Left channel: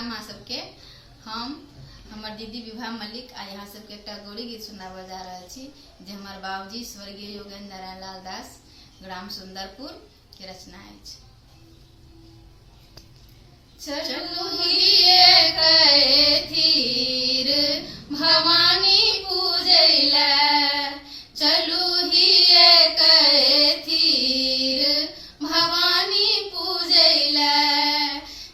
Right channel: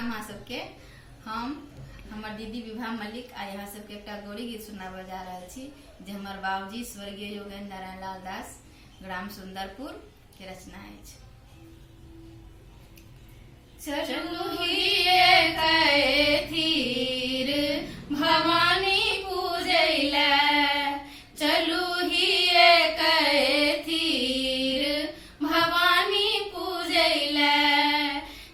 प्रणाम अहाँ सबके। हम हमर दीदी विभा मलिक आ यहाँ सबके एक गौरी गीत सुनाबे जा रहे छी जे हमर बाबूजी स्वर्गीय योगेंद्र नारायण लाल दास ग्राम सुंदरपुर के रचना अछि। चलू हिये कैथीर भवानी पूजैला, चलू हिये कैथीर भवानी पूजैला,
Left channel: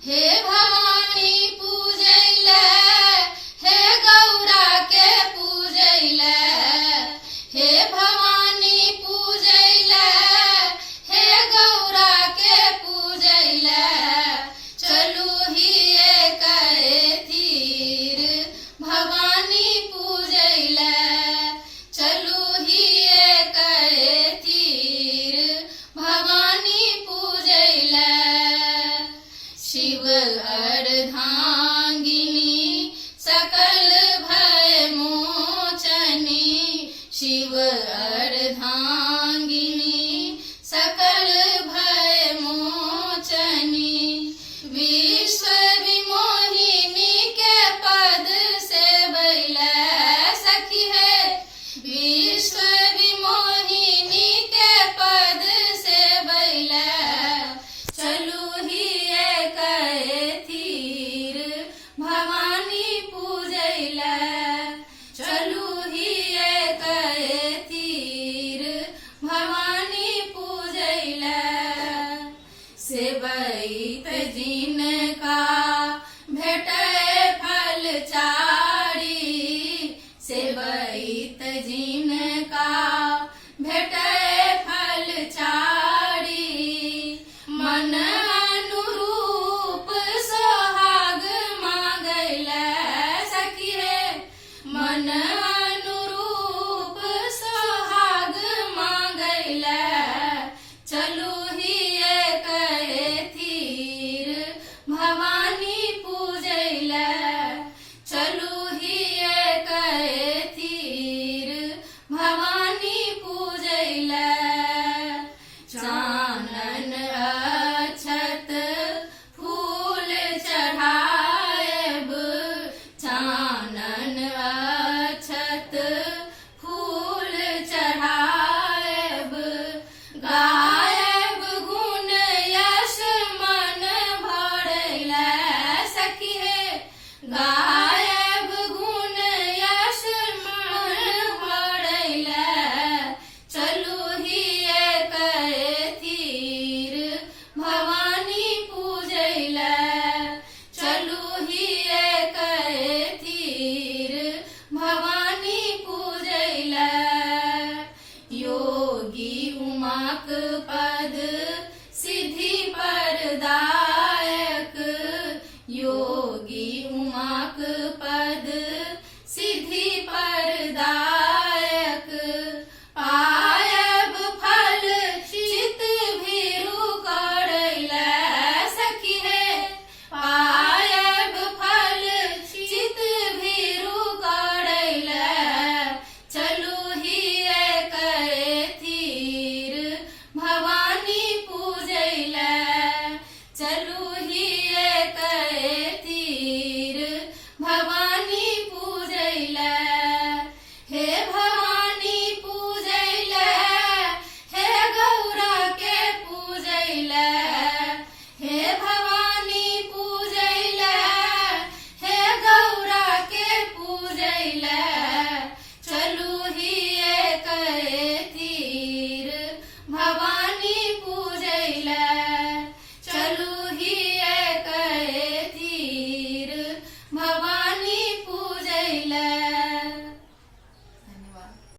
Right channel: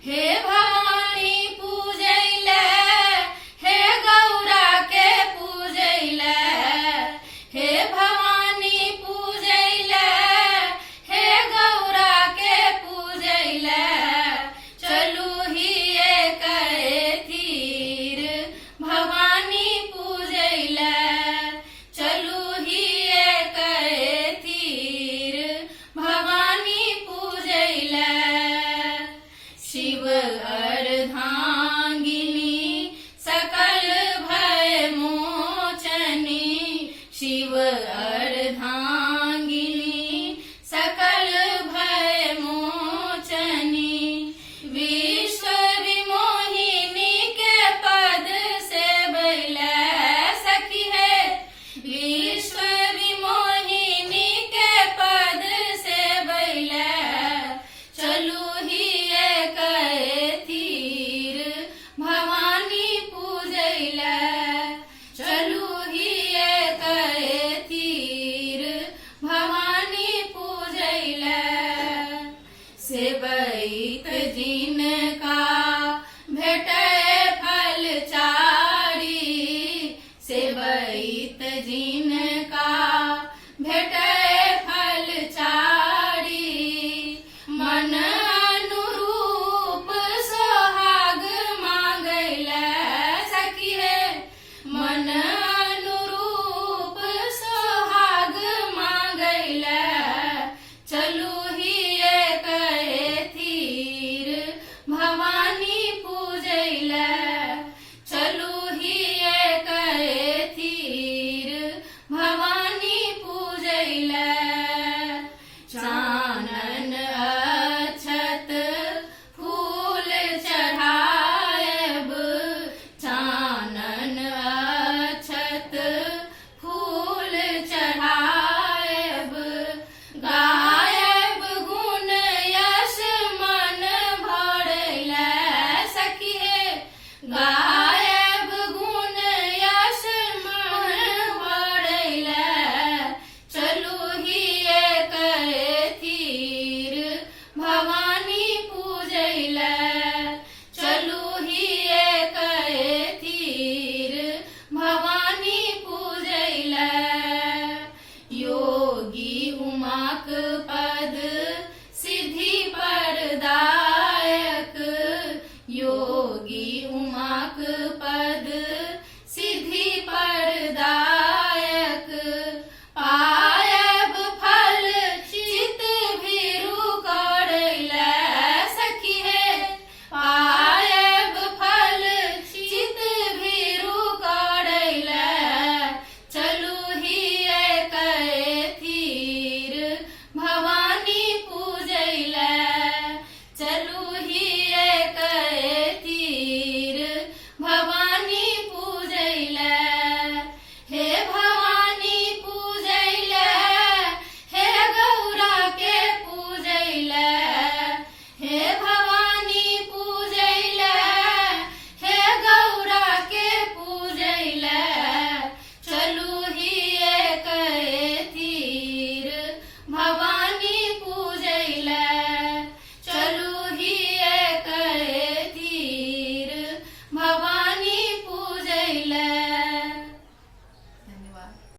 हे भवानी पूजैला, हे गौरा के पूजैला, हे भवानी पूजैला, हे गौरा के पूजैला, चलू हिये कैथीर भवानी पूजैला, चलू हिये कैथीर भवानी पूजैला। शिव अर्धांगिनी सकल भय मोचनी, शिव अर्धांगिनी सकल भय मोचनी, विश्व विमोहिनी के पद से बैला सखी है, विश्व विमोहिनी के पद से बैला, चलू हिये कैथीर भवानी पूजैला, चलू हिये कैथीर भवानी पूजैला। सेवैत जिनका भेटै फल चारी, सेवैत जिनका भेटै फल चारी, मन अनुरूप सोहाग मांगैला सखी है, मन अनुरूप सोहाग मांगैला, चलू हिये कैथीर भवानी पूजैला।